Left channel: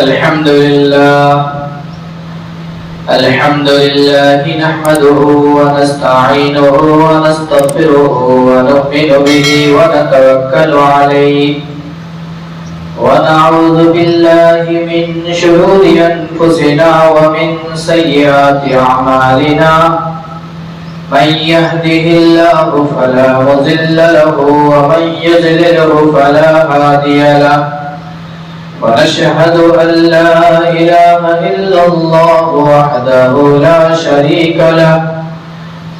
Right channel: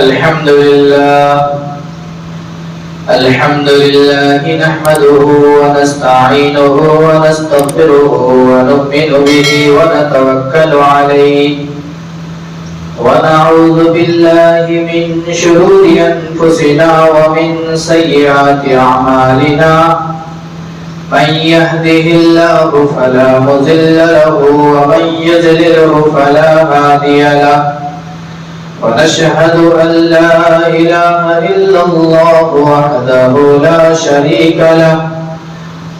الحمد لله نحمده ونستعينه ونستغفره ونؤمن به ونتوكل عليه ونعوذ بالله من شرور أنفسنا ومن سيئات أعمالنا من يهده الله فلا مضل له ومن يضلله فلا هادي له ونشهد أن لا إله إلا الله وحده لا شريك له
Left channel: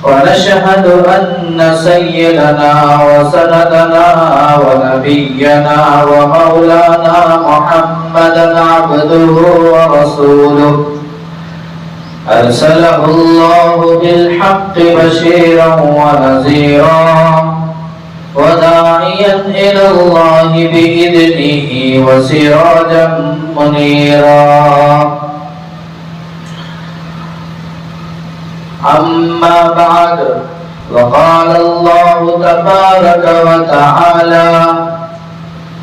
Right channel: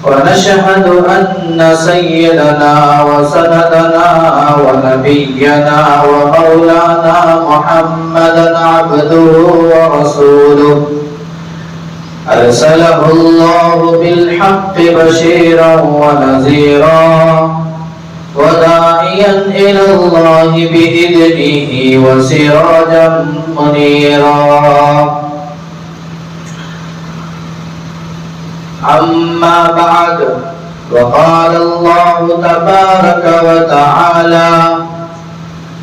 ونشهد أن سيدنا وسندنا ونبينا ومولانا محمدا عبده ورسوله أرسله الله بالحق بشيرا ونذيرا وداعيا إلى الله بإذنه وسراجا منيرا أما بعد وقال الله تبارك وتعالى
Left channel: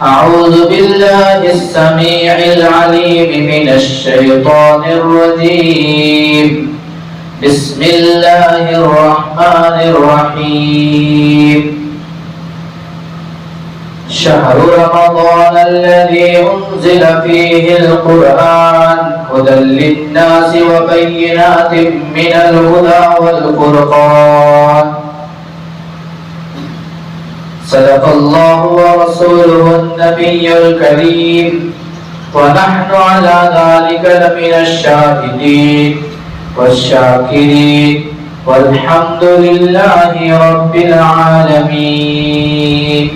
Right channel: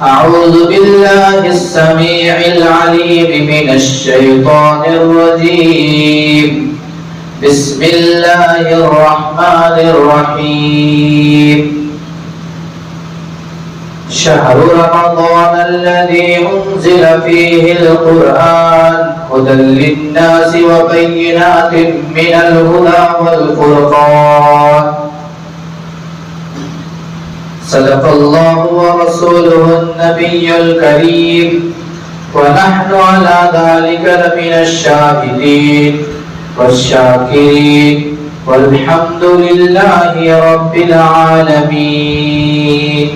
أعوذ بالله السميع العليم من الشيطان الرجيم بسم الله الرحمن الرحيم شهر رمضان الذي أنزل فيه القرآن هدى للناس وبينات من الهدى والفرقان صدق الله ورسوله النبي الكريم ونحن على ذلك لمن الشاهدين والشاكرين والحمد لله رب العالمين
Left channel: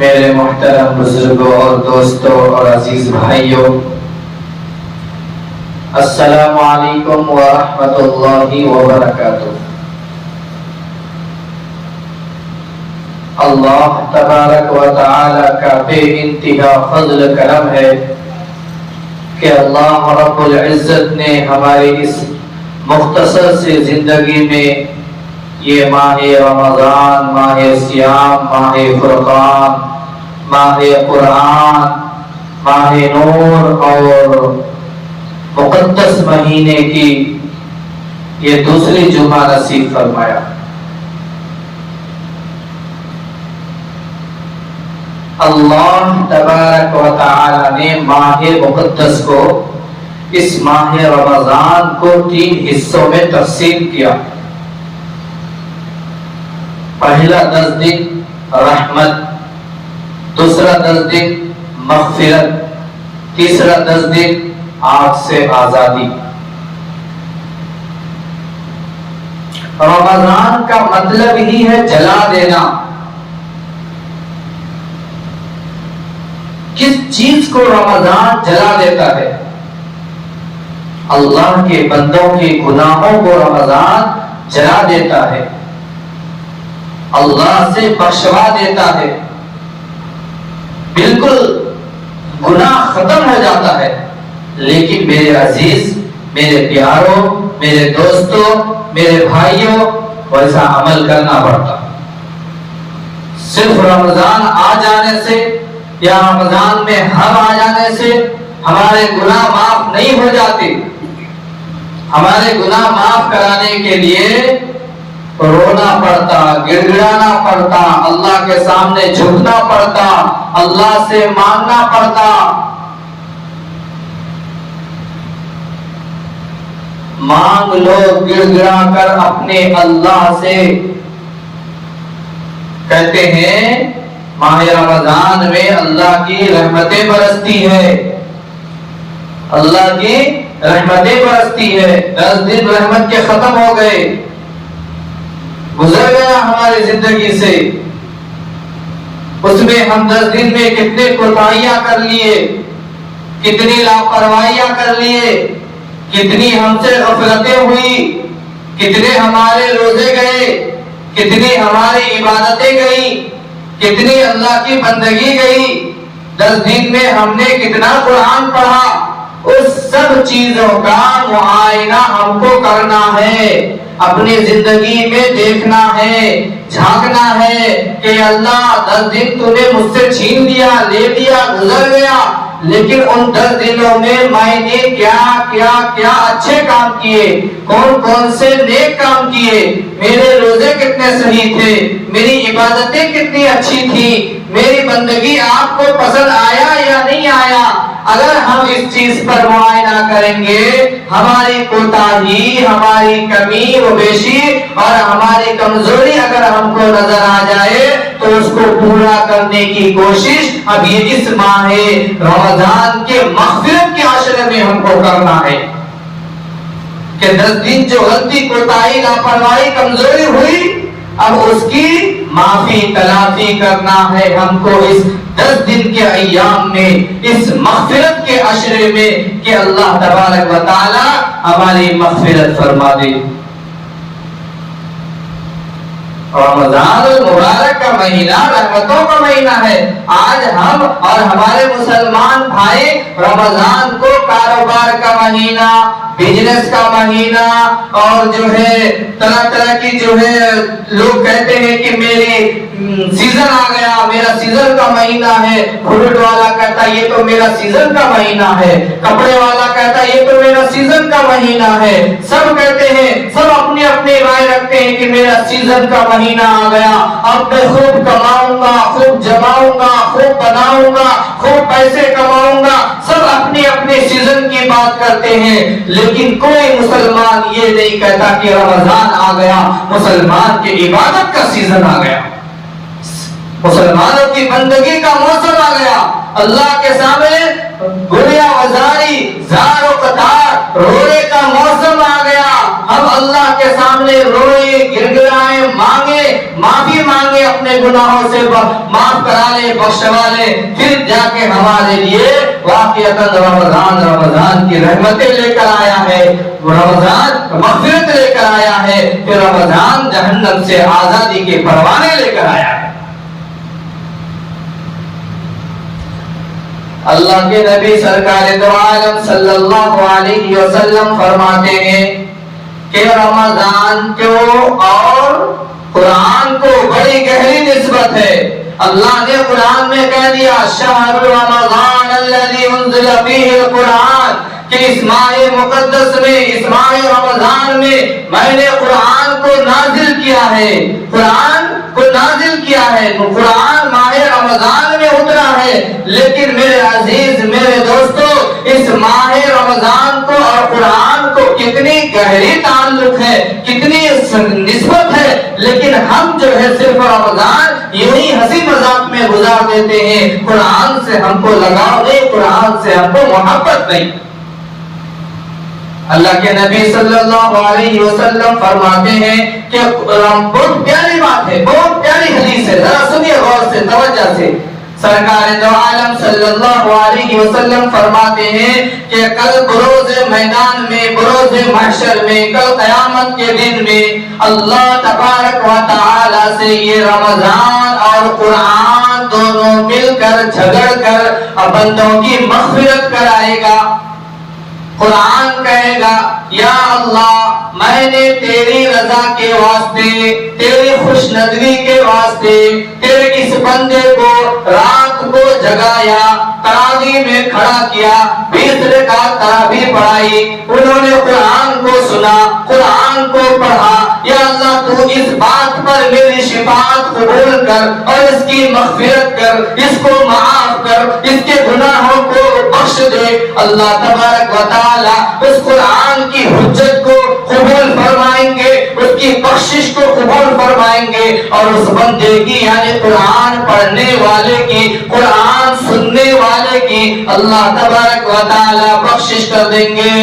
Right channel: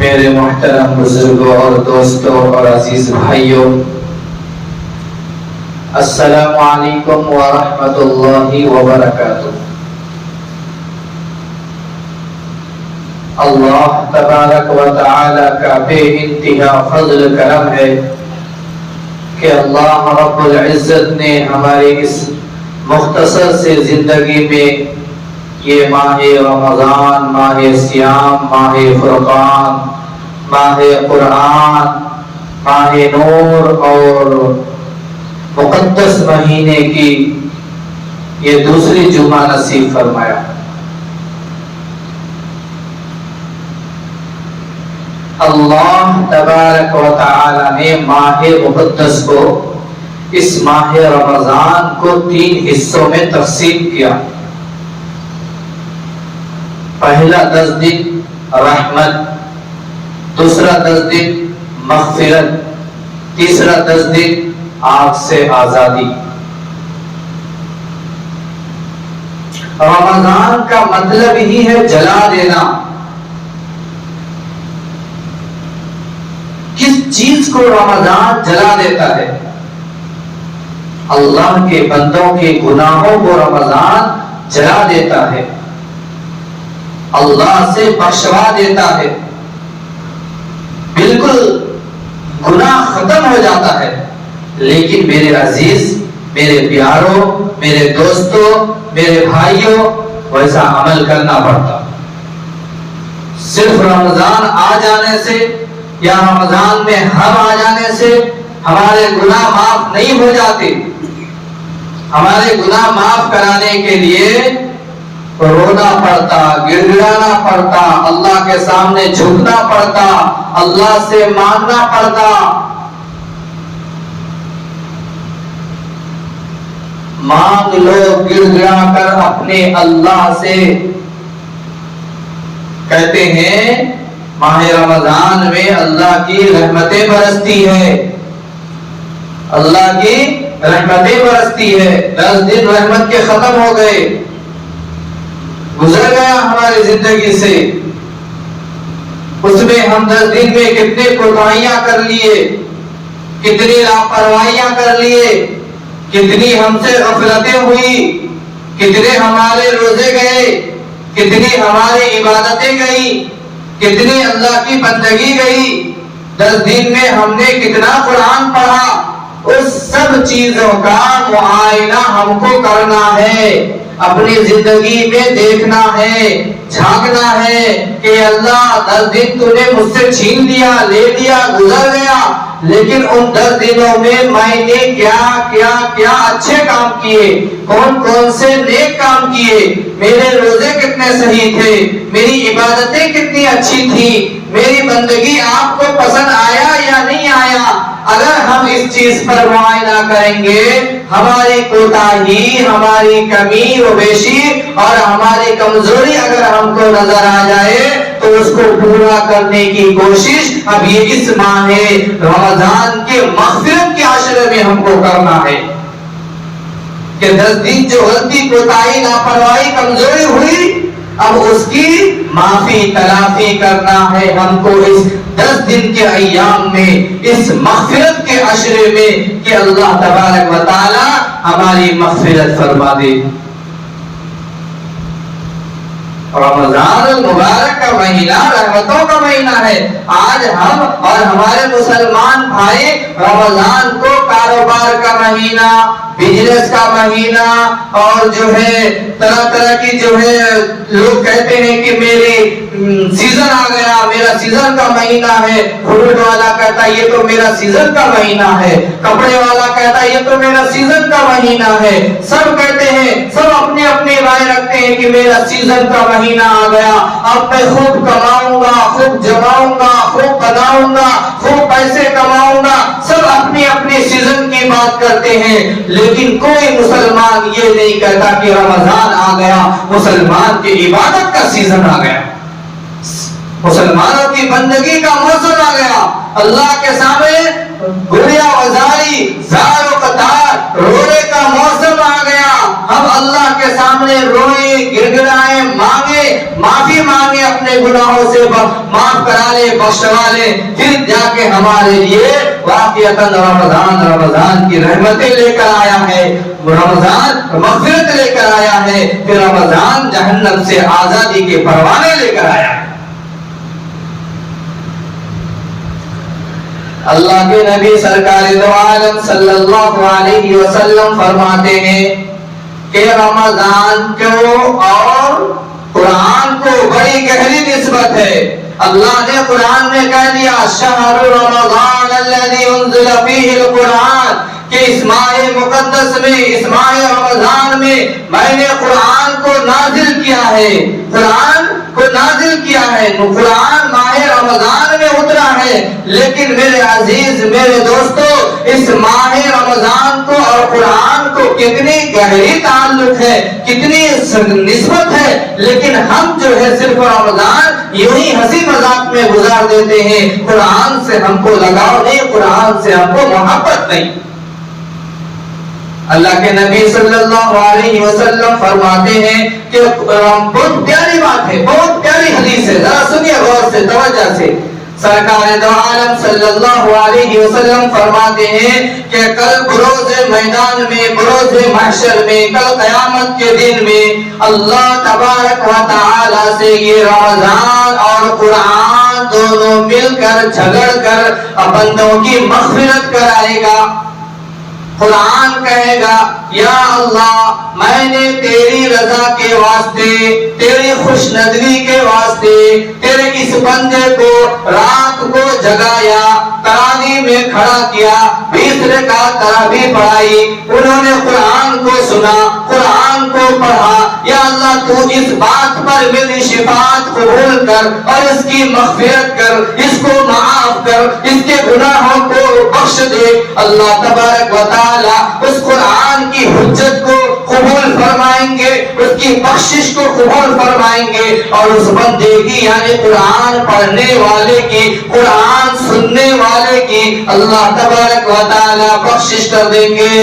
میرے محترم بزرگوں اور دوستوں اور عزیز بھائیوں، السلام علیکم ورحمۃ اللہ وبرکاتہ۔ اللہ تبارک و تعالی کا بے انتہا فضل کرم ہے کہ اللہ رب العزت نے ہماری اس مختصر سے زندگی میں یہ ماہ رمضان، ماہ سیام، ماہ فرقان، ماہ قرآن، ماہ نور اور مقدس مہینے کی یہ دوسری جمعہ نصیب فرمایا۔ اللہ تبارک و تعالی نے ماہ مقدس کو، اس ماہ رمضان کو 3 حصوں میں تقسیم کیا۔ پہلا 10 دن رحمت، دوسرا 10 دن مغفرت، تیسرا 10 دن آگ سے آزادی۔ رمضان کا مطلب ہی ہے جلا دینا۔ کس چیز کو رمضان جلا دیتا ہے؟ اللہ کے بندوں کے گناہوں کو رمضان جلا دیتا ہے، اللہ سے بخشوا دیتا ہے، بالکل گناہ ختم ہو جاتا ہے۔ لیکن میرے عزیز، میرے پیاروں، میرے دوستوں، میرے بھائیوں، ویسا عمل کرنا پڑتا۔ صرف رمضان آ جانے سے یا رمضان میں ہم آ جانے سے ہمارے گناہ معاف نہیں ہو جاتے۔ ہمارے گناہ معاف کرانے کے لیے رونا پڑتا، گڑگڑانا پڑتا، اللہ کے سامنے جھکنا پڑتا، اللہ سے مانگنا پڑتا۔ مانگ لو گڑگڑا کر اپنے اللہ سے۔ کہتے ہیں ماہ رمضان میں اللہ کی رحمتیں برستی ہے، اللہ کی رحمتیں برستی ہے۔ 10 دن رحمت کے ختم ہو گئے، گزر گیا ہماری زندگی سے۔ اس میں ہم 10 دن میں کتنے کوتاہیاں کر لیے، کتنی لاپرواہیاں کر لیے، کتنی ہم سے غفلتیں ہوئی، کتنے ہمارے روزے گئے، کتنی ہماری عبادتیں گئی، کتنی اللہ کی بندگی گئی۔ 10 دن میں ہم نے کتنا قرآن پڑھا، اس سب چیزوں کا معائنہ ہم کو کرنا ہے۔ اپنی زندگی میں دیکھنا ہے، جھانکنا ہے کہ اللہ 10 دن تو نے مجھ سے چھین لیا، لے لیا، گزر گیا، لیکن ان 10 دنوں میں نے کیا اچھے کام کیے، کون سے نیک کام کیے، میرے روزے کتنے صحیح تھے، میری عبادتیں کتنی اچھی تھی، میری بندگی آپ کو پسند آیا یا نہیں آیا۔ اگر ہم اس چیز پر معائنہ کریں گے، ہماری کوتاہی، ہماری کمی و بیشی اور ہماری کمزوری اگر ہم کو نظر آ جائے تو اس کو پورا کرنے کی کوشش اب یہ اس ماہ رمضان کے مغفرت کے عشرے میں ہم کو کرنا ہے کہ 10 دن جو غلطی، کوتاہی، لاپرواہی، کمزوری ہوئی، اب اس کی معافی تلافی کرنا ہے ہم کو اس 10 دن کے ایام میں، اس مغفرت کے عشرے میں، کہ اللہ تبارک و تعالی ہماری مغفرت فرما دے۔ رمضان المبارک کا مہینہ رحمتوں کا مہینہ ہے۔ آج ہم اور ہمارے مسلمان بھائی رمضان کو کاروبار کا مہینہ، بزنس کا مہینہ، اور جو ہے طرح کی جو ہے لوگ کہتے ہیں کہ میری سیزن آ گیا، میرا سیزن کا مہینہ ہے، فروٹ والا کہتا ہے یہ تو میرا سیزن کا مہینہ ہے، کپڑے والا کہتا ہے یہ تو میرا سیزن کا مہینہ ہے، سب کہتے ہیں، سب اپنی اپنی رائے رکھتے ہیں کہ میرا سیزن کا مہینہ آ گیا، اب میں خوب کماؤں گا، خوب جماؤں گا، خوب بناؤں گا، خوب پیسے کماؤں گا، سب اپنی اپنی سیزن کی بات کرتے ہیں، لیکن کوئی مسلمان یہ نہیں کہتا کہ رمضان آ گیا، مسلمان کی عبادت کا سیزن آ گیا، مسلمانوں کی بندگی کا موسم آ گیا، اللہ کے سامنے گڑیا وزاری، زار و قطار، رونے کا موسم آ گیا، ہم اللہ کے سامنے روئے، گڑگڑائے، مانگے، معافی مانگے، اپنے گناہوں سے معاف کرا لے، بخشوا لے، پھر جا کے ہمارے لیے واقعتاً رمضان کی رحمتیں لے کر آیا ہے، رمضان مغفرت لے کر آیا ہے، کہ رمضان جہنم سے آزادی کے پروانے لے کر آیا ہے۔ اللہ کے نبی سرکار دو عالم صلی اللہ علیہ وسلم فرماتے ہیں کہ رمضان کو اور قرآن کو بڑی گہری نسبت ہے۔ اللہ نے قرآن میں کہہ دیا شہر رمضان الذی انزل فیہ القرآن، کہ اس ماہ مقدس میں، اس ماہ رمضان میں نے قرآن کو نازل کیا ہے، قرآن کو نازل کیا ہے، قرآن ماہ رمضان میں اترا ہے، لیکن میرے عزیز، میرے دوستو، اس ماہ رمضان کو اور قرآن کو کتنی گہری تعلق ہے، کتنی نسبت ہے، لیکن ہم جو ہے صرف رمضان یوں ہی ہنسی مذاق میں گزار دیتے ہیں، قرآن سے ہم کو لگاؤ نہیں، قرآن سے ہم کو محبت نہیں۔ اللہ کے نبی صلی اللہ علیہ وسلم فرماتے ہیں کہ بہت پیاری بات ہے، بہت پیاری حدیث ہے، ذرا سنیے غور سے، توجہ سے۔ سرکار دو عالم صلی اللہ علیہ وسلم فرماتے ہیں کہ کل بروز میدان میں، بروز محشر میں، کل قیامت کے دن میں اللہ تبارک و تعالی سے یہ رمضان اور قرآن دونوں مل کر جھگڑ کر بندوں کی مغفرت کرائے گا۔ قرآن کہے گا یا اللہ، میں نے تیری رضا کے واسطے، تیری خوش ندوی کے واسطے تیرے اس بندے کو رات کو جگایا، تراویح میں کھڑا کیا، 20 رکعت تراویح پڑھائی، انہوں نے قرآن کو سنا، قرآن کو پڑھا، یا اللہ تو اس بات پر میری شفاعت قبول کر اور اس کی مغفرت کر، اس کو معاف کر، اس کے گناہوں کو بخش دے۔ اللہ تبارک و تعالی اس قرآن کی حجت کو قبول فرمائیں گے، اس کی بخشش کو قبول فرمائیں گے، اور اس بندے کی یعنی قرآن پڑھنے والے کی، قرآن سننے والے کی اللہ تبارک و تعالی بخشش کر دیں گے۔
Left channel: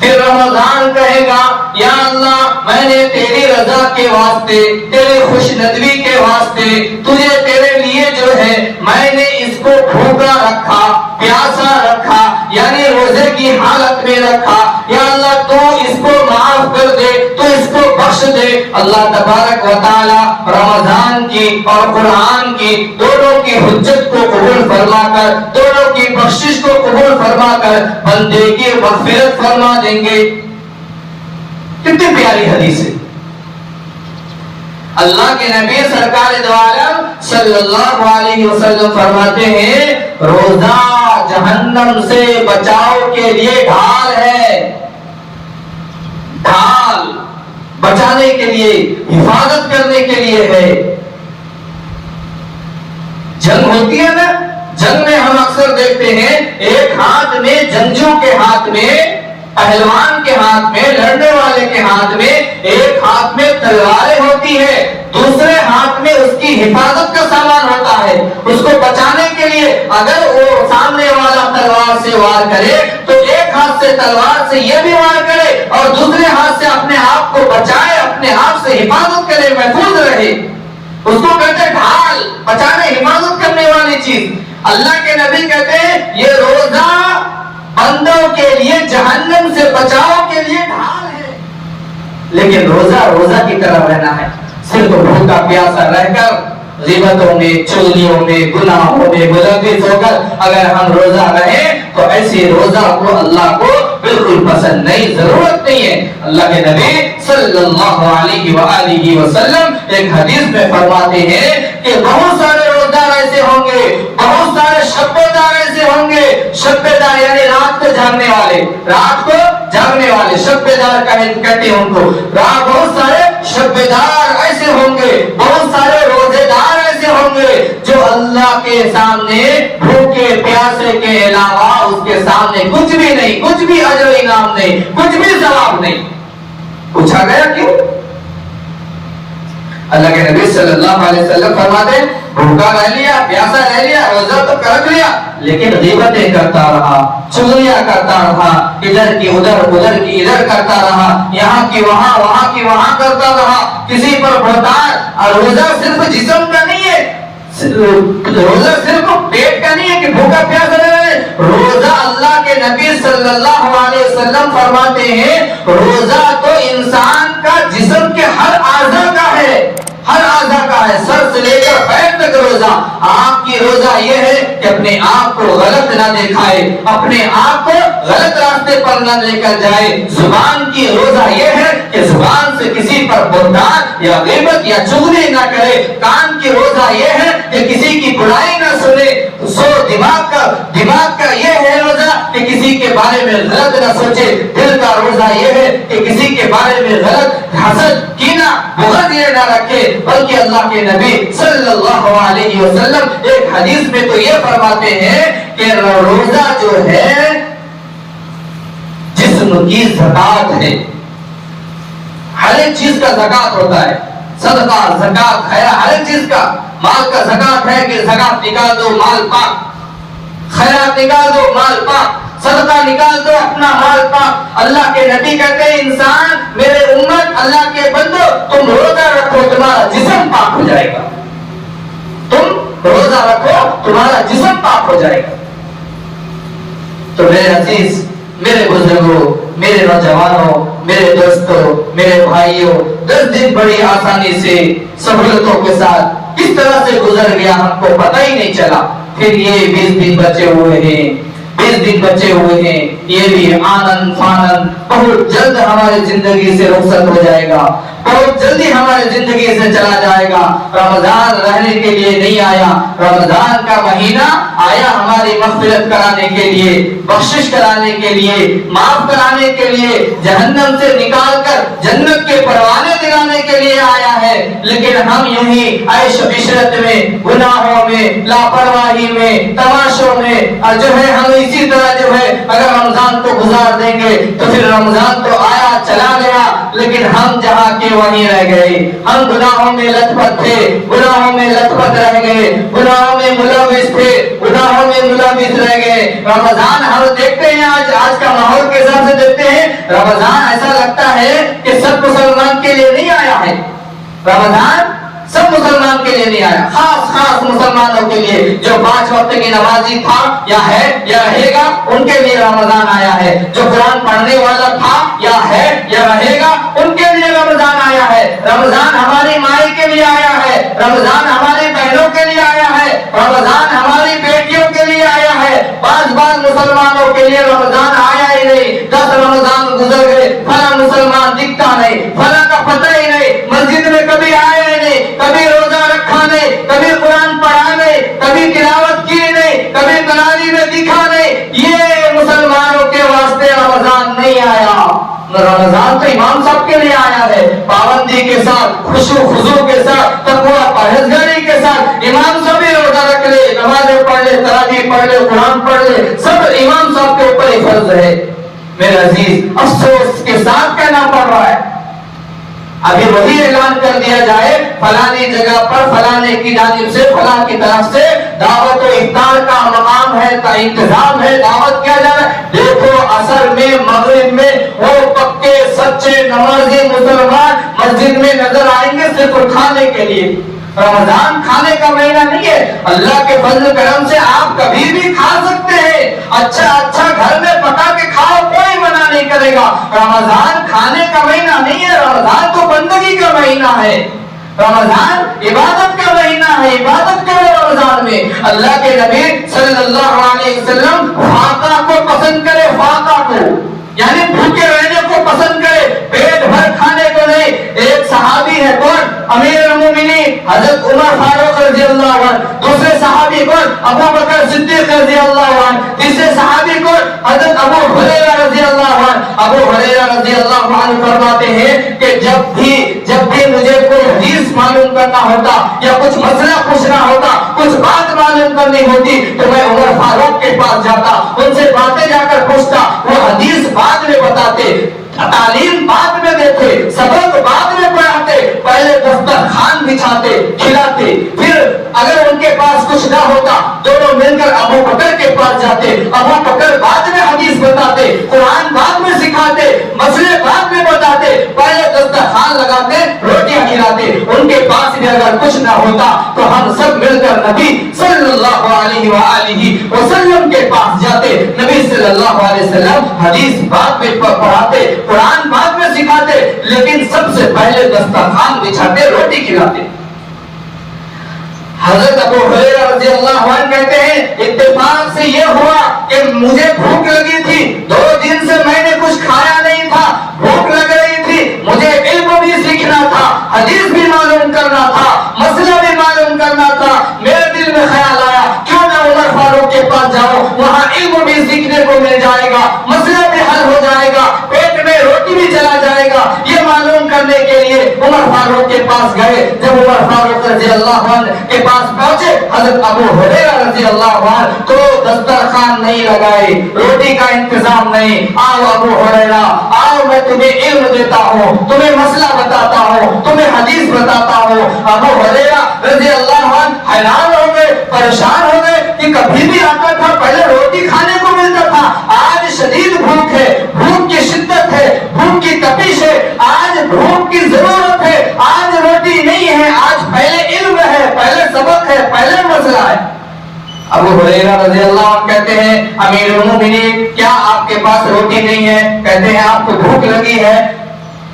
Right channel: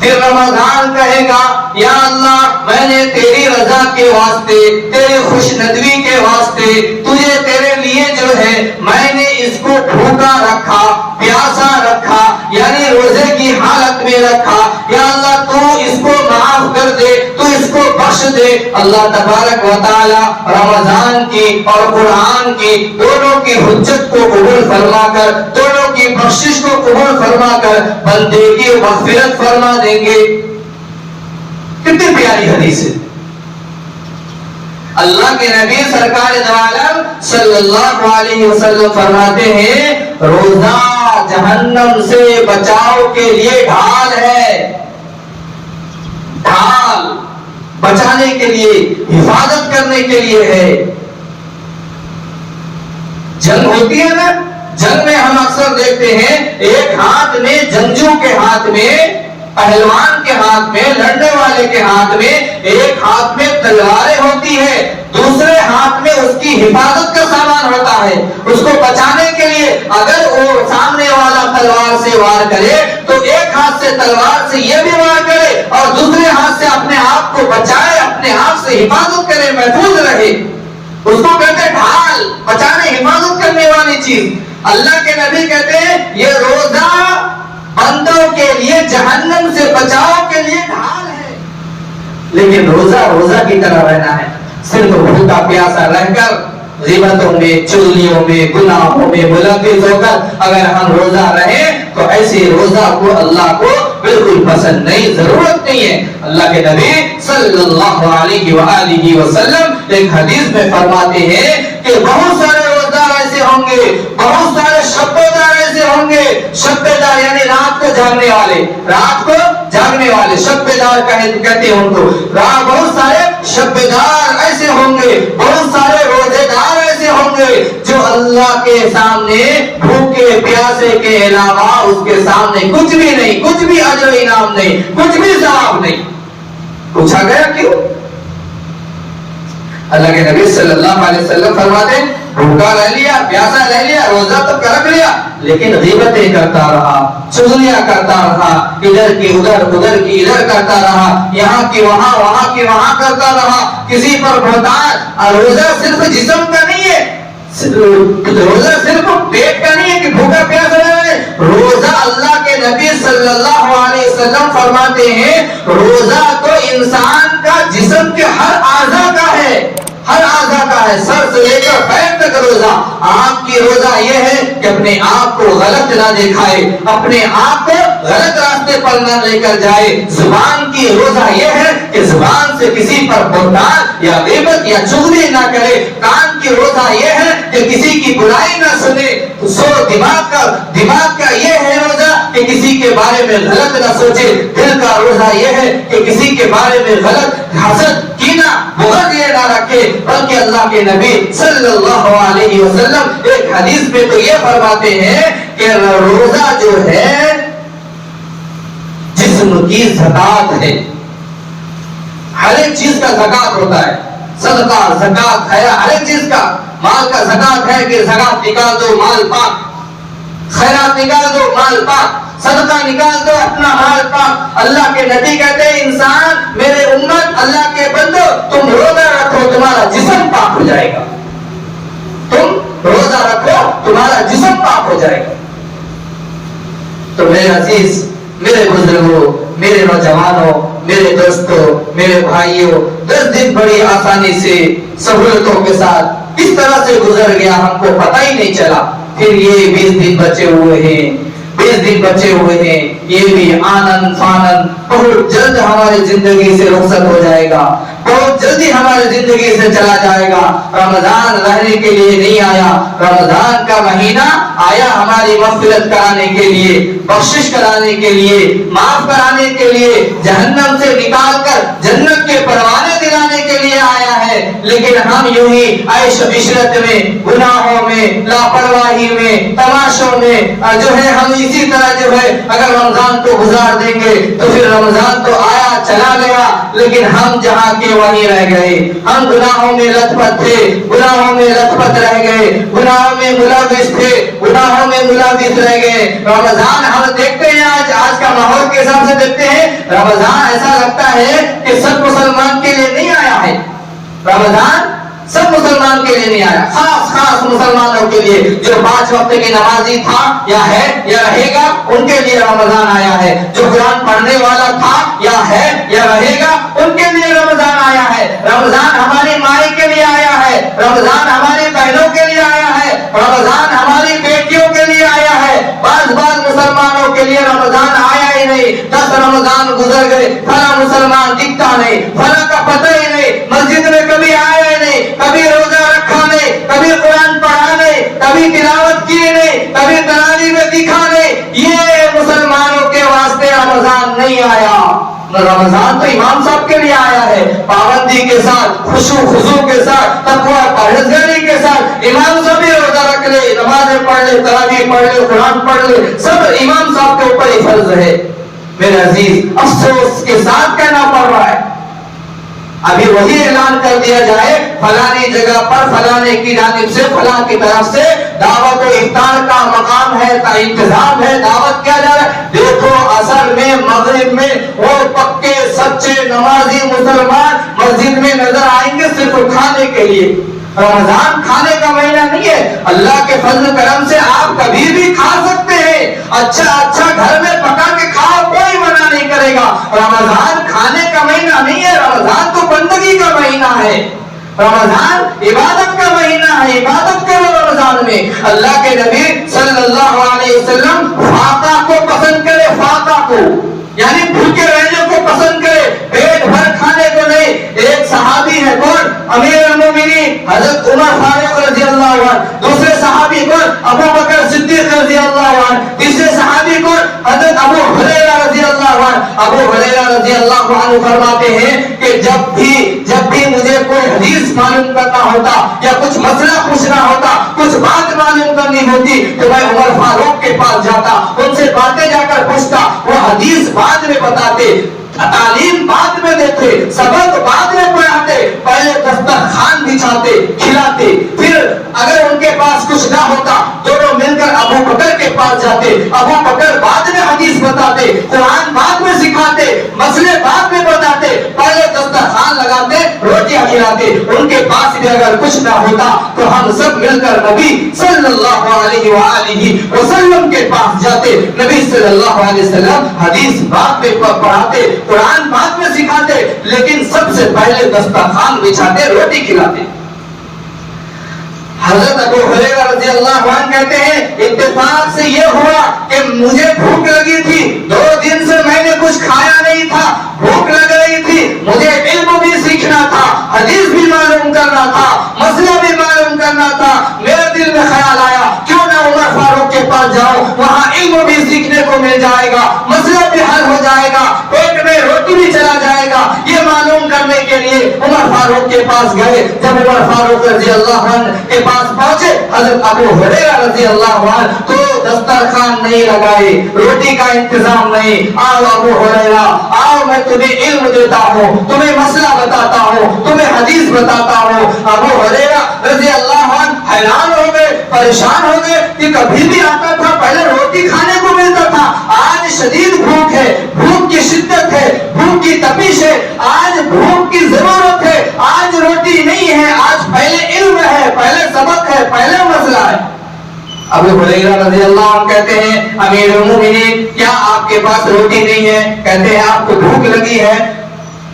پھر رمضان کہے گا یا اللہ، میں نے تیری رضا کے واسطے، تیری خوش ندوی کے واسطے تجھے، تیرے لیے جو ہے میں نے اس کو بھوکا رکھا، پیاسا رکھا، یعنی روزے کی حالت میں رکھا، یا اللہ تو اس کو معاف کر دے، تو اس کو بخش دے۔ اللہ تبارک و تعالی رمضان کی اور قرآن کی دونوں کی حجت کو قبول فرما کر، دونوں کی بخشش کو قبول فرما کر بندے کی مغفرت فرما دیں گے۔ کتنی پیاری حدیث ہے. اللہ کے نبی سرکار دو عالم صلی اللہ علیہ وسلم فرماتے ہیں روزہ جہنم سے بچاؤ کے لیے ڈھال ہے. ڈھال بچانے کے لیے، حفاظت کرنے کے لیے ہے. جنگ ہوتی ہے نا، جنگ میں ہم اکثر دیکھتے ہیں ایک ہاتھ میں جنگجو کے ہاتھ میں، پہلوان کے ہاتھ میں، لڑنے والے کے ہاتھ میں ایک ہاتھ میں تلواریں ہوتی ہے، دوسرے ہاتھ میں اس کی حفاظت کا سامان ہوتا ہے. اس کو بچانے کے لیے اگر وہ سامنے والا تلوار سے وار کرے تو ایک ہاتھ سے تلوار سے یہ بھی وار کرے اور دوسرے ہاتھ سے اپنے آپ کو بچائے، اپنے آپ سے حفاظت کرے، محفوظ رہے. اس کو کہتے ہیں ڈھال، بچانے حفاظت کرنے والی چیز. اللہ کے نبی کہتے ہیں یہ روزہ بندوں کے لیے جہنم سے بچاؤ کے لیے ڈھال ہے. لیکن روزہ روزہ کی طرح رہنا ہے، صرف بھوکا پیاسا رہ کر غیبتوں میں، چغلیوں میں، گناہوں میں ملوث ہو کر اگر ہم روزہ رہیں تو ایسی روزہ کو اللہ کو بالکل پسند نہیں، ضرورت نہیں ہے. اللہ کے نبی صلی اللہ علیہ وآلہ وسلم ایک حدیث میں فرماتے ہیں کہ بہت سارے روزدار ایسے ہوں گے، بہت سارے شبیدار ایسے ہوں گے. شبیدار یعنی رات کو جاگنے والے، رات کو جاگنے والے شبیدار کہتے ہیں ان کو. بہت سارے شبیدار ایسے ہوں گے، بہت سارے روزے دار ایسے ہوں گے جو اللہ کے سامنے بھوکے پیاسے کے علاوہ اس کے سامنے کچھ بھی نہیں، کچھ بھی اجر و انعام نہیں، کچھ بھی ثواب نہیں. پوچھا گیا کیوں؟ اللہ کے نبی صلی اللہ علیہ وسلم فرماتے ہیں بھوکا رہ لیا، پیاسا رہ لیا، روزہ تو رکھ لیا، لیکن غیبتیں کرتا رہا، چغلیاں کرتا رہا، ادھر کی ادھر، ادھر کی ادھر کرتا رہا، یہاں کی وہاں، وہاں کی وہاں کرتا رہا، کسی پر بہتان. اور روزہ صرف جسم کا نہیں ہے، روزہ صرف پیٹ کا نہیں ہے کہ بھوکا پیاسا رہے. روزہ اللہ کے نبی صلی اللہ علیہ وسلم فرماتے ہیں روزہ تو انسان کا جسم کے ہر اعضاء کا ہے، ہر اعضاء کا ہے، سر سے لے کر پیر تک روزہ. آپ کی روزہ یہ ہے کہ اپنے آپ کو غلط نہ دکھائے، اپنے آپ کو غلط راستے پر نہ لے کر جائے. زبان کی روزہ یہ ہے کہ زبان سے کسی پر بہتان یا غیبت یا چغلی نہ کرے. کان کی روزہ یہ ہے کہ کسی کی برائی نہ سنے. سو دماغ کا یہ ہے روزہ کہ کسی کے بارے میں غلط نہ سوچے. دل کا روزہ یہ ہے کہ کسی کے بارے میں غلط حسد، کینہ، بغض یہ نہ رکھے. بلکہ اللہ کے نبی صلی اللہ علیہ وسلم ایک حدیث میں تو یہ فرماتے ہیں کہ روزہ جو ہے جسم کی زکات ہے. ہر ایک چیز کا زکات ہوتا ہے، صدقہ، زکات، خیرات، ہر ایک چیز کا. مال کا زکات ہے کہ زکات نکال دو مال پاک، خیرات نکال دو مال پاک، صدقہ نکال دو اپنا مال پاک. اللہ کے نبی کہتے ہیں انسان، میرے امت، اللہ کے بندو تم روزہ رکھو تمہارا جسم پاک ہو جائے گا. تم روزہ رکھو تمہارا جسم پاک ہو جائے گا. تو میرے عزیز، میرے بزرگوں، میرے نوجوانوں، میرے دوستوں، میرے بھائیوں، 10 دن بڑی آسانی سے سہولتوں کے ساتھ کس طرح سے گزر گیا ہم کو پتہ ہی نہیں چلا. پھر یہ 20 دن بچے ہوئے ہیں، 20 دن بچے ہوئے ہیں. یہ بھی آنن فانن بہت جلد ہماری زندگی سے رخصت ہو جائے گا، بہت جلدی ہماری زندگی سے چلا جائے گا. رمضان رہنے کے لیے نہیں آیا، رمضان کا مہینہ آیا ہماری مغفرت کرانے کے لیے، بخشش کرانے کے لیے، معاف کرانے کے لیے، جہنم سے نکال کر جنت کے پروانے دلانے کے لیے آیا ہے. لیکن ہم یوں ہی عیش و عشرت میں، گناہوں میں، لاپرواہی میں، تماشوں میں جو ہے ہم اسی طرح جو ہے اگر رمضان کو گزار دیں گے تو پھر رمضان تو آیا چلا گیا، لیکن ہم جہاں کے وہیں رہ گئے. ہم گناہوں میں لت پت تھے، گناہوں میں لت پت رہ گئے، گناہوں میں ملوث تھے، گناہوں میں ملوث رہ گئے. رمضان ہم دیکھتے ہیں آج کا ماحول کے حساب سے دیکھتے ہیں رمضان ایسا لگتا ہے کہ سب مسلمان کے لیے نہیں آیا ہے. رمضان سب مسلمان کے لیے نہیں آیا، خاص مسلمانوں کے لیے جو 5 وقت کی نمازی تھا یا ہے یا رہے گا ان کے لیے رمضان آیا ہے. جو قرآن پڑھنے والا تھا یا ہے یا رہے گا ان کے لیے رمضان آیا ہے. رمضان ہماری مائی کے لیے آیا ہے، رمضان ہماری بہنوں کے لیے آیا ہے، رمضان ہماری بیٹیوں کے لیے آیا ہے. بعض مسلمانوں کے لیے رمضان آیا ہی نہیں. 10 رمضان گزر گئے، فلاں مسلمان دکھتا نہیں، فلاں کا پتہ ہی نہیں، مسجد میں کبھی آیا ہی نہیں، کبھی روزہ رکھا نہیں، کبھی قرآن پڑھا نہیں، کبھی تلاوت کی نہیں، کبھی تراویح میں دکھا نہیں، یہ مسلمانوں کے واسطے رمضان نہیں آیا۔ رمضان تو امام صاحب کے لیے آیا ہے، پابندی کے ساتھ، خشوع خضوع کے ساتھ، تقویٰ پرہیزگاری کے ساتھ۔ امام صاحب بھی روزہ رکھ لے، نمازیں پڑھ لے، تراویح پڑھ لے، قرآن پڑھ لے، سب امام صاحب کے اوپر ہی فرض ہے۔ میرے عزیز، افسوس کے ساتھ کہنا پڑ رہا ہے، ابھی وہی اعلان کر دیا جائے فلانی جگہ پر فلانے کی جانب سے، فلاں کی طرف سے دعوت و افطار کا مقام ہے، انتظام ہے، دعوت کیا جا رہا ہے۔ دیکھو عصر میں، مغرب میں وہ پکے سچے نمازی مسلمان مسجد میں نظر آئیں گے صرف کھانے کے لیے۔ رمضان کھانے کا مہینہ نہیں ہے، اللہ کے فضل و کرم سے آپ کبھی بھی کھا سکتے ہیں، اچھا اچھا گھر میں پکا کے کھاؤ، کوئی منع نہیں کرے گا۔ رمضان کھانے کا مہینہ نہیں ہے، رمضان تو بندگی کا مہینہ ہے، رمضان عبادت کا مہینہ ہے۔ عبادت کرو رمضان میں۔ اللہ کے نبی صلی اللہ علیہ وسلم فاقہ کو پسند کرے، فاقہ کو یعنی بھوکے رہنے کو پسند کرے، پیٹ بھر کھانے کو نہیں۔ ایک صحابی ہے کون؟ امیر المومنین حضرت عمر فاروق رضی اللہ عنہ، دوسرے صحابی کون؟ ابو بکر صدیق رضی اللہ عنہ، تیسرے صحابی کون؟ حضرت ابو ہریرہ رضی اللہ عنہ۔ ابو ہریرہ رضی اللہ عنہ فرماتے ہیں کہ جب بھی مجھے کوئی حدیث معلوم کرنا ہوتا یا کچھ مسئلہ پوچھنا ہوتا، کچھ بات معلوم کرنی ہوتی تو میں عمر فاروق کے پاس جاتا، ان سے باتیں جا کر پوچھتا، وہ حدیث بعد میں بتاتے، تعلیم بعد میں دیتے، سبق بعد میں پڑھاتے، پہلے دسترخوان بچھاتے، کھلاتے، پھر اگر ان کے پاس کچھ نہ ہوتا دونوں مل کر ابو بکر کے پاس جاتے، ابو بکر بعد میں حدیث بتاتے، قرآن بعد میں سکھاتے، مسئلے بعد میں بتاتے، پہلے دسترخوان لگاتے، روٹیاں کھلاتے۔ ان کے پاس بھی اگر کچھ نہ ہوتا تو ہم سب مل کر نبی صلی اللہ علیہ وآلہ وسلم کے پاس جاتے، نبی صلی اللہ علیہ وسلم حدیث بعد میں پڑھاتے، قرآن بعد میں سکھاتے، لیکن سب سے پہلے دسترخوان بچھاتے، روٹی کھلاتے۔ حضرت ابو ہریرہ رضی اللہ عنہ کہتے ہیں اتفاق سے یہ ہوا کہ مجھے بھوک لگی تھی، 2 دن سے میں نے کچھ کھایا نہیں تھا، بھوک لگ رہی تھی، مجھے علم بھی سیکھنا تھا، حدیث بھی معلوم کرنا تھا، مسئلہ بھی معلوم کرنا تھا۔ میرے دل میں خیال آیا کیوں نہ عمر فاروق کے پاس جاؤ، وہاں علم بھی سیکھنے کو مل جائے گا، مسئلہ بھی حل ہو جائے گا، پیٹ میں روٹی بھی چلا جائے گا۔ یہ معلوم کرنے کے لیے عمر فاروق کے پاس گئے۔ جب عمر فاروق رضی اللہ عنہ کے پاس پہنچے حضرت ابو ہریرہ رضی اللہ عنہ تو دسترخوان نہیں لگائے، روٹی کا انتظام نہیں۔ آؤ ابو ہریرہ، آؤ میں تمہیں علم دیتا ہوں، تمہیں مسئلہ بتاتا ہوں، تمہیں حدیث بتاتا ہوں۔ ابو ہریرہ رضی اللہ عنہ حیران ہو گئے، پریشان ہو گئے کہ کبھی بھی آتا تھا پہلے روٹی کھانے کو ملتا تھا، آج شدید بھوک ہے، بھوک کی شدت ہے، بھوک کی تپش ہے، آج بھوک کی ضرورت ہے، آج روٹی نہیں ہے، آج پہلے علم ہے، پہلے سبق ہے، پہلے مسئلہ ہے۔ ابو ہریرہ رضی اللہ عنہ کہتے ہیں امیر المومنین کیا آپ کے پاس روٹی نہیں ہے؟ کہتے ہیں آپ کو بھوک لگی ہے۔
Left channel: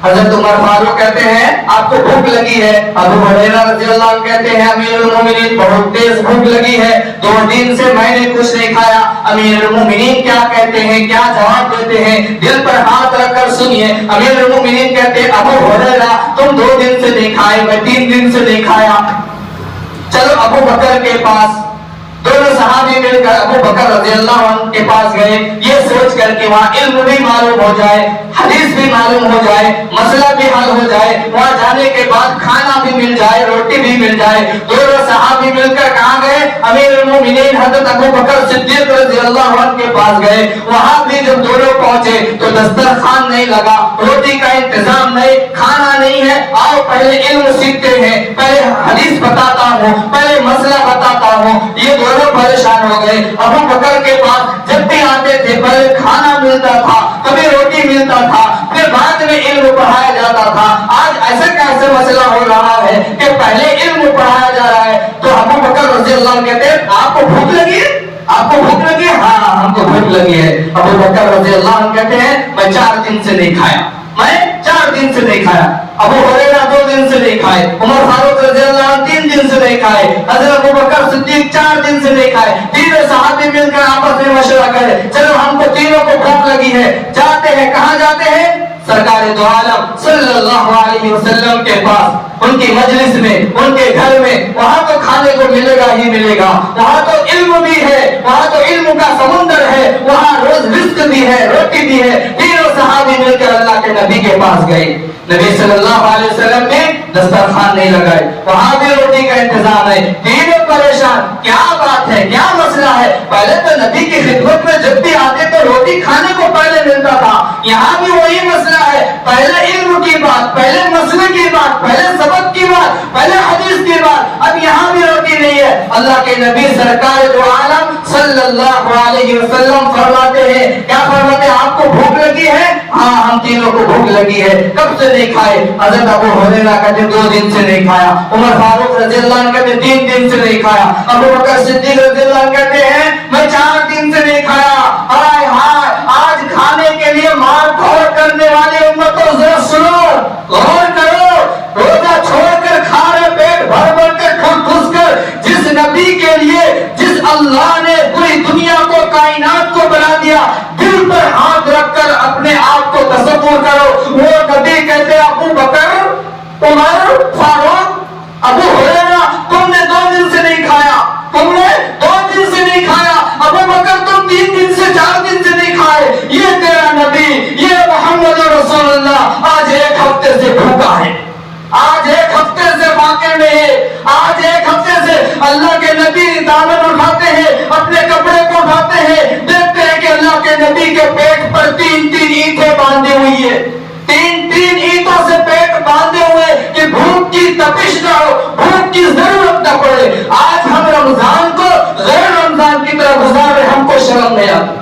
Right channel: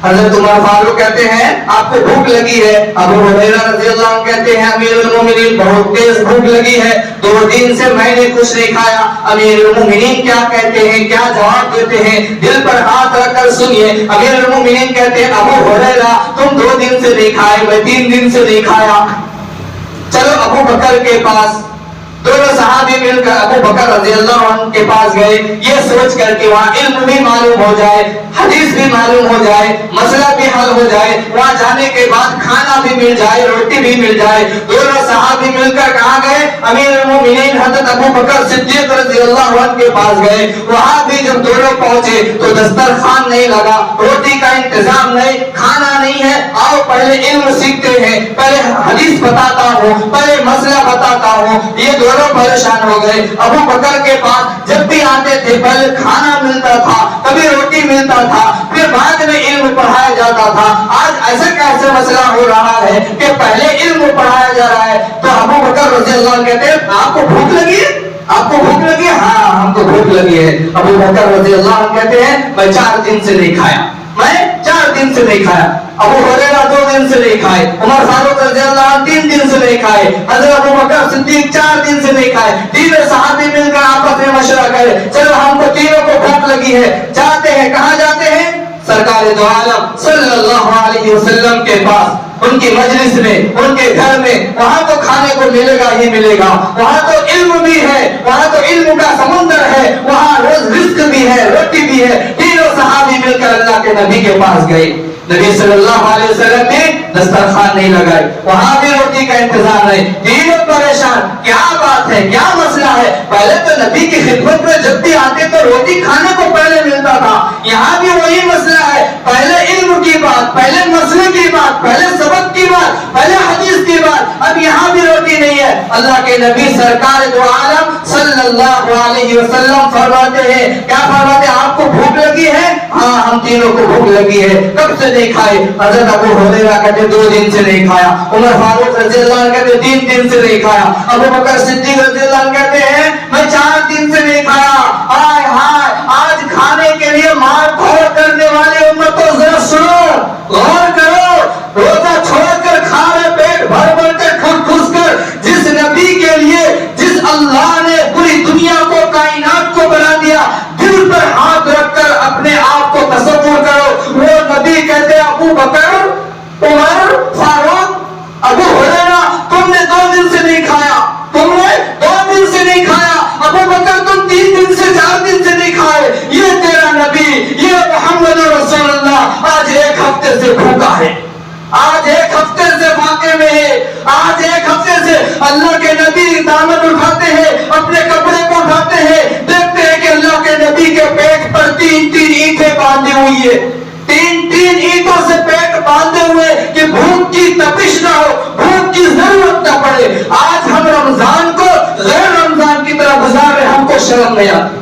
حضرت عمر فاروق کہتے ہیں آپ کو بھوک لگی ہے۔ ابو ہریرہ رضی اللہ عنہ کہتے ہیں امیر المومنین بہت تیز بھوک لگی ہے، 2 دن سے میں نے کچھ نہیں کھایا۔ امیر المومنین کیا کہتے ہیں، کیا جواب دیتے ہیں؟ دل پر ہاتھ رکھ کر سنیے۔ امیر المومنین کہتے ہیں ابو ہریرہ تم 2 دن سے نہیں کھائے، میں 3 دن سے نہیں کھایا۔ چلو ابو بکر کے پاس، دونوں صحابی مل کر ابو بکر رضی اللہ عنہ کے پاس گئے، یہ سوچ کر کہ وہاں علم بھی معلوم ہو جائے، حدیث بھی معلوم ہو جائے، مسئلہ بھی حل ہو جائے، وہاں جانے کے بعد کھانا بھی مل جائے، روٹی بھی مل جائے۔ دونوں صحابی مل کر کہاں گئے؟ امیر المومنین حضرت ابو بکر صدیق رضی اللہ عنہ کے پاس گئے۔ وہاں بھی جب دونوں پہنچے تو دسترخوان نہیں لگا، روٹی کا انتظام نہیں، کھانا نہیں ہے۔ آؤ پہلے علم سیکھتے ہیں، پہلے حدیث بتاتا ہوں، پہلے مسئلہ بتاتا ہوں۔ یہ دونوں پریشان ہو گئے۔ ابو بکر کے پاس جب بھی آتے تھے پہلے کھانا ملتا تھا، کبھی روٹی ملتا تھا، پھر بعد میں علم پڑھایا جاتا تھا۔ آج ایسا کیسے مسئلہ ہو رہا ہے کہ پہلے علم پڑھایا جا رہا ہے؟ تو ابو بکر رضی اللہ عنہ کہتے ہیں آپ کو بھوک لگی ہے؟ آپ کو بھوک لگی ہے؟ ہاں ہم کو بھوک لگی ہے۔ ابو بکر رضی اللہ عنہ کہتے ہیں میں 4 دن سے نہیں کھایا، میں 4 دن سے نہیں کھایا۔ ابو ہریرہ 2 دن سے نہیں کھائے، عمر فاروق رضی اللہ عنہ 3 دن سے نہیں کھائے، حضرت ابو بکر صدیق 4 دن سے نہیں کھائے۔ تینوں صحابی مل کر آپس میں مشورہ کرے چلو ہم کو تینوں کو بھوک لگی ہے، جاتے ہیں، کہاں جاتے ہیں؟ سرکار دو عالم صلی اللہ علیہ وسلم کے پاس ان کی مجلس میں ان کے گھر میں وہاں تو کھانے کو ملے گا ہی ملے گا, وہاں تو علم بھی ہے, وہاں تو علم کا سمندر ہے, وہاں روز رزق بھی ہے, روٹی بھی ہے. تینوں صحابی مل کر اللہ کے نبی کے پاس گئے. نبی صلی اللہ علیہ وسلم نے دسترخوان نہیں لگائے, وہاں بھی روٹی کا انتظام ہے. تینوں پریشان, کیا بات ہے, کیا مسئلہ ہے؟ پہلے تو نبی کی خدمت میں جب بھی آتے تو روٹی کھانے کو پہلے ملتا تھا, یہاں بھی وہی مسئلہ ہے. پہلے علم کی بات, پہلے مسئلے کی بات, پہلے سبق کی بات, پہلے حدیث کی بات, اب یہاں بھی روٹی نہیں ہے. اللہ کے نبی سرکار دو عالم صلی اللہ علیہ وسلم فرماتے ہیں, کیا فرماتے ہیں؟ آپ کو بھوک لگی ہے؟ ہاں ہم تینوں کو بھوک لگی ہے. کب سے نہیں کھائے؟ حضرت ابو ہریرہ کہتے 2 دن سے نہیں کھایا. عمر فاروق رضی اللہ عنہ کہتے 3 دن سے نہیں کھایا. ابو بکر صدیق رضی اللہ عنہ کہتے ہیں میں 4 دن سے نہیں کھایا. ہائے ہائے, آج کھانے کے لیے مار دھوڑ کرنے والی امتوں ذرا سنو, غور کرو. روزہ چھوڑ کر کھا رہے, پیٹ بھر بھر کر ٹھوس کر, جس نبی کے لیے جس اللہ نے پوری دنیا کو کائنات کو بنا دیا, دل پر ہاتھ رکھ کر اپنے آپ کو تصور کرو. وہ نبی کہتے ابو بکر, عمر فاروق, ابو ہریرہ تم نے 2 دن سے نہیں کھایا, تم نے 2 دن سے نہیں کھایا. ابو بکر تم 3 دن سے 4 دن سے نہیں کھائے. یہ تیرا نبی, یہ محمد رسول اللہ آج 1 ہفتے سے بھوکا ہے, آج 1 ہفتے سے واقع میں ہے, آج 1 ہفتے سے. اللہ کے نبی دامن اٹھاتے ہیں, اپنے کپڑے کو اٹھاتے ہیں, دیکھتے ہیں کہ اللہ کے نبی کے پیٹ پر 3 اینٹیں باندھی ہوئی ہے, 3 اینٹوں سے پیٹ باندھے ہوئے کہ بھوک کی تپش نہ ہو, بھوک کی ضرورت نہ پڑے. آج ہم رمضان کو غیر رمضان کی طرح گزار رہے, ہم کو شرم نہیں آتی,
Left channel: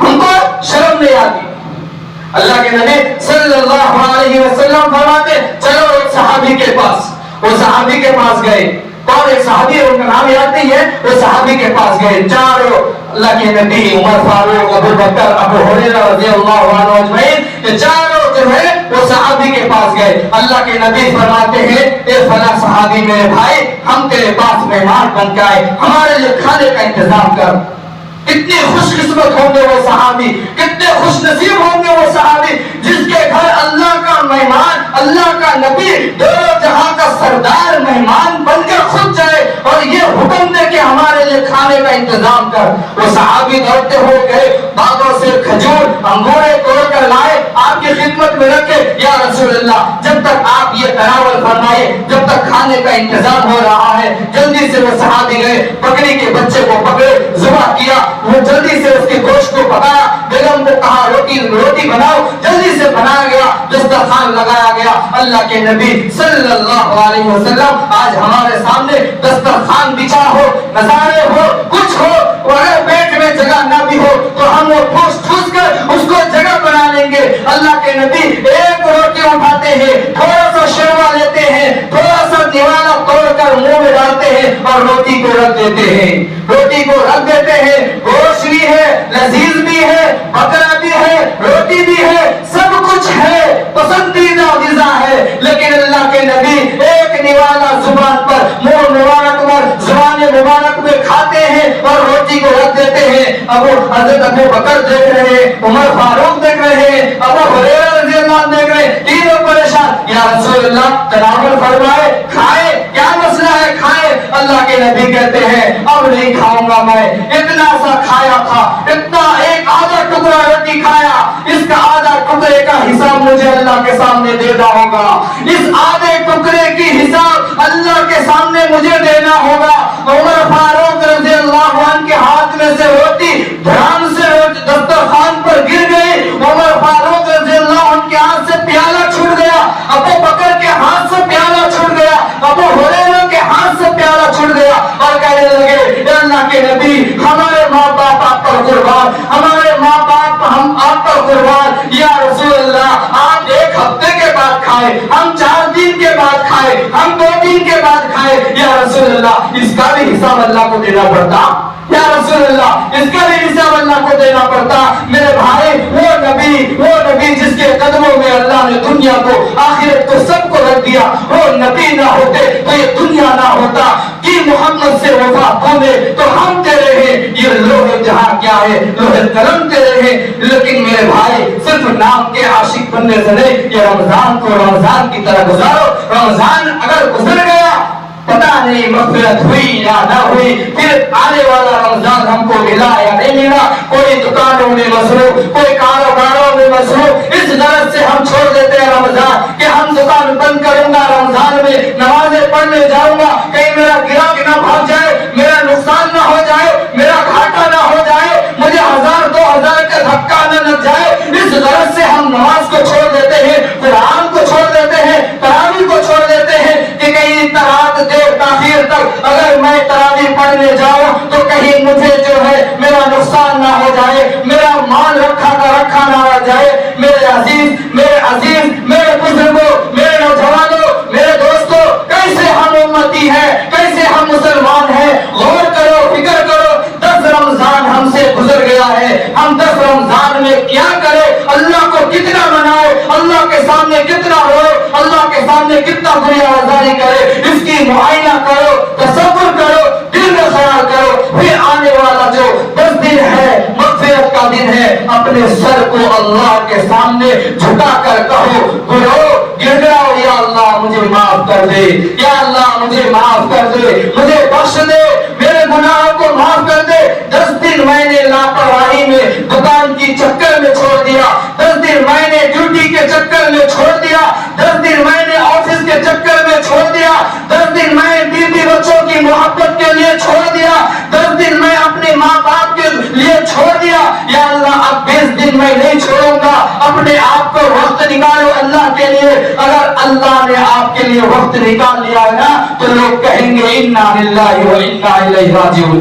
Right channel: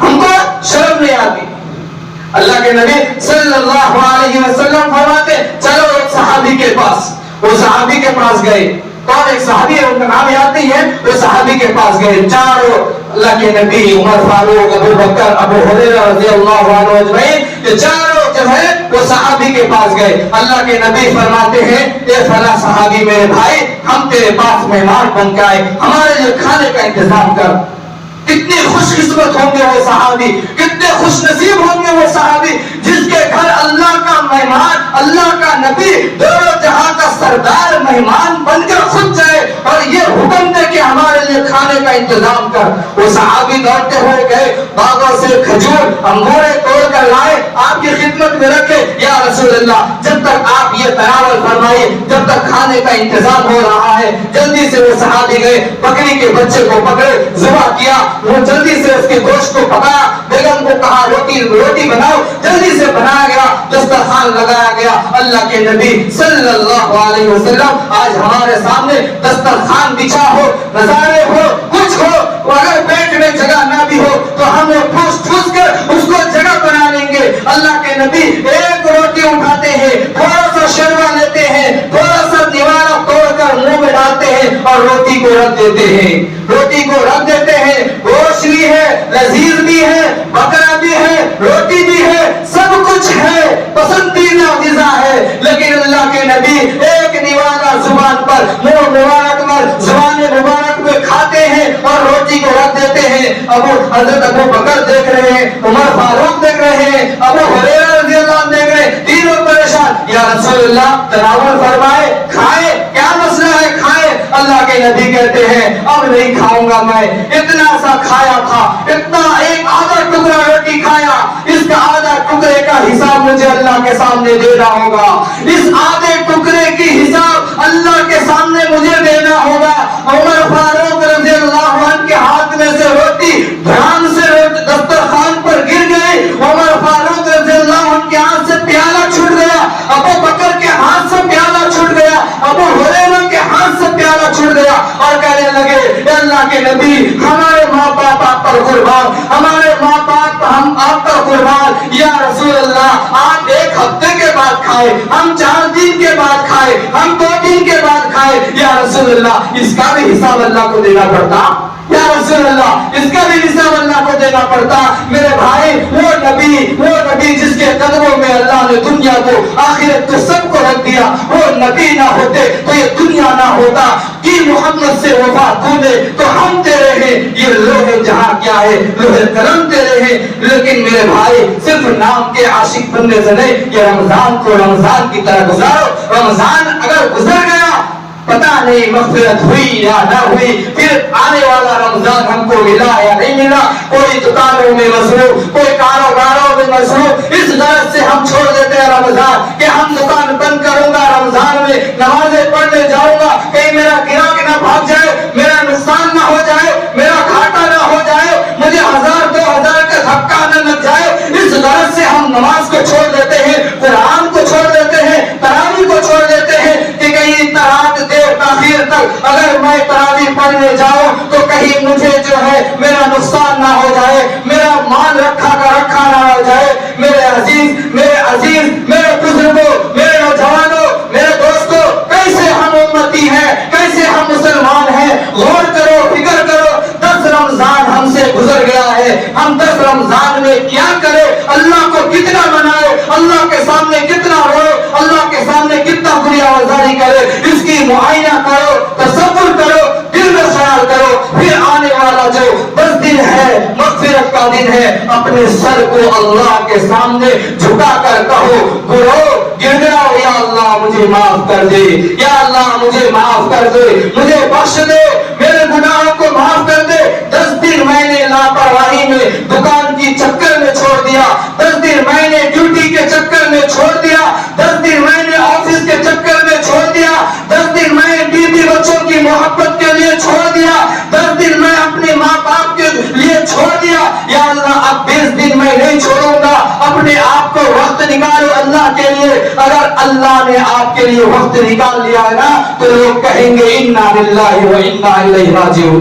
ہم کو شرم نہیں آتی. اللہ کے نبی صلی اللہ علیہ وسلم فرماتے چلو ایک صحابی کے پاس. وہ صحابی کے پاس گئے. کون ایک صحابی ہے, ان کا نام یاد نہیں ہے, وہ صحابی کے پاس گئے. چاروں اللہ کے نبی, عمر فاروق, ابو بکر, ابو ہریرہ رضی اللہ عنہ اجمعین, یہ چاروں جو ہے وہ صحابی کے پاس گئے. اللہ کے نبی فرماتے ہیں اے فلاں صحابی میرے بھائی, ہم تیرے پاس مہمان بن کے آئے, ہمارے لیے کھانے کا انتظام کر. کتنے خوش قسمت ہوں گے وہ صحابی, کتنے خوش نصیب ہوں گے وہ صحابی جس کے گھر اللہ کا مہمان, اللہ کا نبی, دونوں جہاں کا سردار مہمان بن کر خود جائے اور یہ حکم دے کہ ہمارے لیے کھانے کا انتظام کر. وہ صحابی دوڑتے ہوئے گئے, باغوں سے کھجور انگورے توڑ کر لائے, آپ کی خدمت میں رکھے. یا رسول اللہ, جب تک آپ یہ تناول فرمائے, جب تک کھانے کا انتظام ہو رہا ہے. جلدی سے وہ صحابی گئے, بکری کے بچے کو پکڑے, ذبح کیا, وہ جلدی سے اس کے گوشت کو پکایا, بیگم کو کہا روٹی بناؤ, جلدی سے بنایا گیا, دسترخوان لگایا گیا. اللہ کے نبی صلی اللہ علیہ وسلم آج ہمارے سامنے دسترخوان بچھا ہو, نظارے ہو, کچھ ہو, اگر پیٹ میں جگہ نہ بھی ہو تو ہم وہ ٹھوس کر اس کو جگہ بنا لیں گے. اللہ کے نبی ایک روٹی اٹھاتے ہیں, تھوڑا سا شوربہ لیتے ہیں, تھوڑا سا نوالا توڑ کر منہ میں ڈالتے ہیں اور روٹی کو رکھ دیتے ہیں, روٹی کو رکھ دیتے ہیں. گوشت بھی ہے, لذیذ بھی ہے, بکرا بھی ہے, روٹی بھی ہے, سب کچھ ہے, پسندیدہ غذا ہے. لیکن اللہ کے نبی ایک نوالا زبان پر, منہ مبارک پر, زبان مبارک میں کھاتے ہیں اور روٹی کو رکھ دیتے ہیں. حضرت ابو بکر دیکھ رہے ہیں, عمر فاروق دیکھ رہے ہیں, ابو ہریرہ رضی اللہ عنہ دیکھ رہے ہیں, تینوں پریشان. یا رسول اللہ تناول فرمائے, کھائے, کیا مسئلہ ہے, کھائے. اللہ کے نبی کہتے ہیں اب نہیں کھاؤں گا میں, اتنا سا کھایا تھا, اتنا ایک آدھا ٹکڑا روٹی کھایا, اس کا آدھا ٹکڑے کا حساب مجھے اللہ کے سامنے دینا ہوگا, اس آدھے ٹکڑے کی حساب اللہ کے سامنے مجھے دینا ہوگا. عمر فاروق رضی اللہ عنہ کے ہاتھ میں سے روٹی دھیان سے دسترخوان پر گر گئی. عمر فاروق رضی اللہ عنہ کے ہاتھ سے پیالہ چھوٹ گیا, ابو بکر کے ہاتھ سے پیالہ چھوٹ گیا, ابو ہریرہ کے ہاتھ سے پیالہ چھوٹ گیا اور کہنے لگے اے اللہ کے نبی, ہمارے ماں باپ آپ پر قربان, ہمارے ماں باپ ہم آپ پر قربان. یا رسول اللہ آپ 1 ہفتے کے بعد کھائے, ہم 4 دن کے بعد کھائے, ہم 2 دن کے بعد کھائے. یا رسول اللہ اس کا بھی حساب اللہ کو دینا پڑتا, یا رسول اللہ اس کا بھی حساب اللہ کو دینا پڑتا. میرے بھائی وہ نبی جس کے قدموں میں اللہ نے دنیا کو, آخرت کو, سب کو رکھ دیا, وہ نبی نہ ہوتے تو یہ دنیا نہ ہوتا. کہ محمد سے وفا کھولے تو ہم تیرے ہیں، یہ لوہے جہاں کیا ہے، لوہے قلم تیرے ہیں۔ لیکن میرے بھائی صرف نام کے عاشق بننے سے نہیں، یہ رمضان کو رمضان کی طرح گزارو۔ رمضان اگر گزر گیا پتہ نہیں مغفرت ہوئی یا نہ ہوئی، پھر آنے والا رمضان ہم کو ملا یا نہیں ملا، کوئی دکانوں میں مصروف، کوئی کاروباروں میں مصروف، اس غرض سے ہم چھوڑ دیتے ہیں رمضان کہ ہم دکان بند کروں گا رمضان میں، نمازیں پڑھنے جاؤں گا، کہیں میرا گراہک نہ بھاگ جائے، میرا نقصان نہ ہو جائے، میرا گھاٹا نہ ہو جائے، مجھے 1000-2000 کا دھکا نہ لگ جائے، اس غرض سے ہم نماز کو چھوڑ دیتے ہیں، قرآن کو چھوڑ دیتے ہیں، تراویح کو چھوڑ دیتے ہیں کہ کہیں رات دیر تاخیر تک اگر میں تراویح پڑھنے جاؤں تو کہیں مجھے جو ہے میرا نقصان نہ ہو جائے، میرا مال رکھا کا رکھا نہ ہو جائے۔ میرے عزیز میرے بزرگوں، میرے نوجوانوں، میرے دوستوں، کیسے ہم امتی ہیں، کیسے ہم مسلمان ہیں، غور کرو، فکر کرو۔ 10 رمضان ہم سے گزر گیا ہے، ہم 10 رمضان میں کیا کرے، اللہ کو کتنا منائے، اللہ کے سامنے کتنا روئے، اللہ کے سامنے کتنا گریہ آزاری کرے، اس کی معائنہ کرو، تصور کرو، دل میں خیال کرو۔ پھر آنے والا جو 10 دن ہے مغفرت کا دن ہے، اپنے سر کو اللہ کے سامنے جھکا کر کہو، گڑ گڑاؤ، یا اللہ مجھے معاف کر دے، یا اللہ مجھے معاف کر دے، مجھے بخش دے، میرے گناہوں کو معاف کر دے۔ 10 دن میں نے لاپرواہی میں دکان کی چکر میں چھوڑ دیا، 10 دن میں نے ڈیوٹی کے چکر میں چھوڑ دیا، 10 دن میں نے آفس کے چکر میں چھوڑ دیا، 10 دن میں بیوی بچوں کی محبت کے لیے چھوڑ دیا، 10 دن میں اپنے ماں باپ کے لیے چھوڑ دیا۔ یا اللہ اب 20 دن میں نہیں چھوڑوں گا، اپنے آپ کو وقت نکالو اللہ کے لیے۔ اگر اللہ نے آپ کے لیے وقت نکال لیا ہے نا تو لوگ کہیں گے انا للہ و انا الیہ راجعون،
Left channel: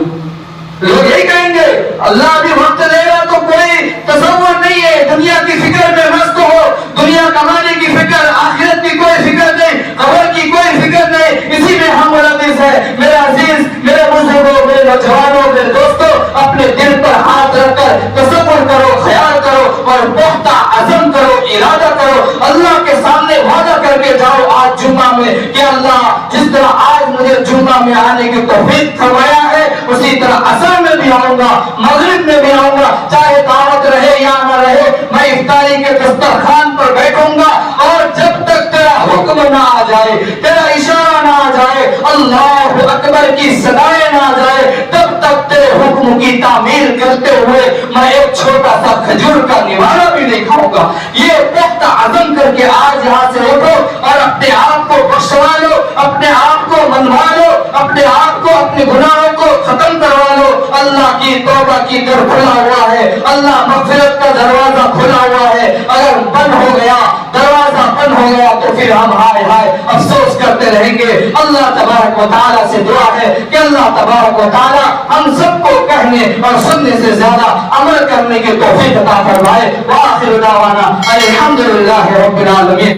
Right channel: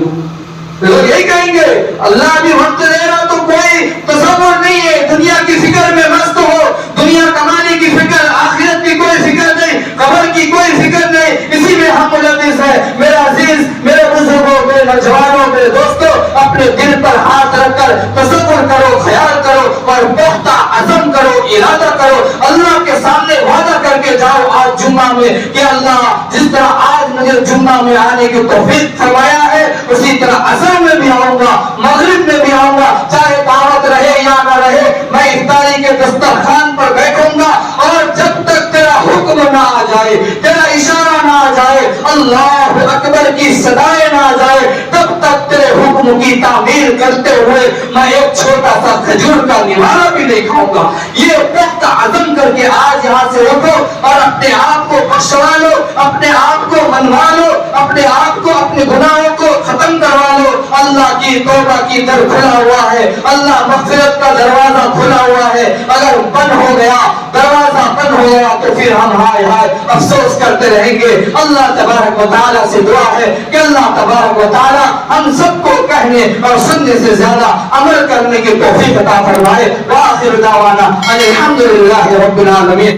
لوگ یہی کہیں گے اللہ بھی وقت دے رہا تو کوئی تصور نہیں ہے، دنیا کی فکر میں مست ہو، دنیا کمانے کی فکر، آخرت کی کوئی فکر نہیں، قبر کی کوئی فکر نہیں، اسی میں ہم ملوث ہیں۔ میرے عزیز، میرے بزرگوں، میرے نوجوانوں، میرے دوستوں، اپنے دل پر ہاتھ رکھ کر تصور کرو، خیال کرو اور پختہ عزم کرو، ارادہ کرو، اللہ کے سامنے وعدہ کر کے جاؤ آج جمعہ میں کہ اللہ جس طرح آج مجھے جمعہ میں آنے کی توفیق فرمایا ہے اسی طرح عصر میں بھی آؤں گا، مغرب میں بھی آؤں گا، چاہے دعوت رہے یا نہ رہے، میں افطاری کے دسترخوان پر بیٹھوں گا، اور جب تک تیرا حکم نہ آ جائے، تیرا اشارہ نہ آ جائے، اللہ اکبر کی صدائیں نہ آ جائے، تب تک تیرے حکم کی تعمیل کرتے ہوئے میں ایک چھوٹا سا کھجور کا نوارا بھی نہیں کھاؤں گا۔ یہ پختہ عزم کر کے آج یہاں سے اٹھو اور اپنے آپ کو بخشوا لو، اپنے آپ کو منوا لو، اپنے آپ کو، اپنے گناہوں کو ختم کروا لو۔ اللہ کی توبہ کی در کھلا ہوا ہے، اللہ مغفرت کا دروازہ کھلا ہوا ہے، اگر بند ہو گیا، دروازہ بند ہو گیا تو پھر ہم ہائے ہائے افسوس کرتے رہیں گے۔ اللہ تبارک و تعالیٰ سے دعا ہے کہ اللہ تبارک و تعالیٰ ہم سب کو کہنے اور سننے سے زیادہ عمل کرنے کی توفیق عطا فرمائے۔ وآخر دعوانا الحمدللہ رب العالمین۔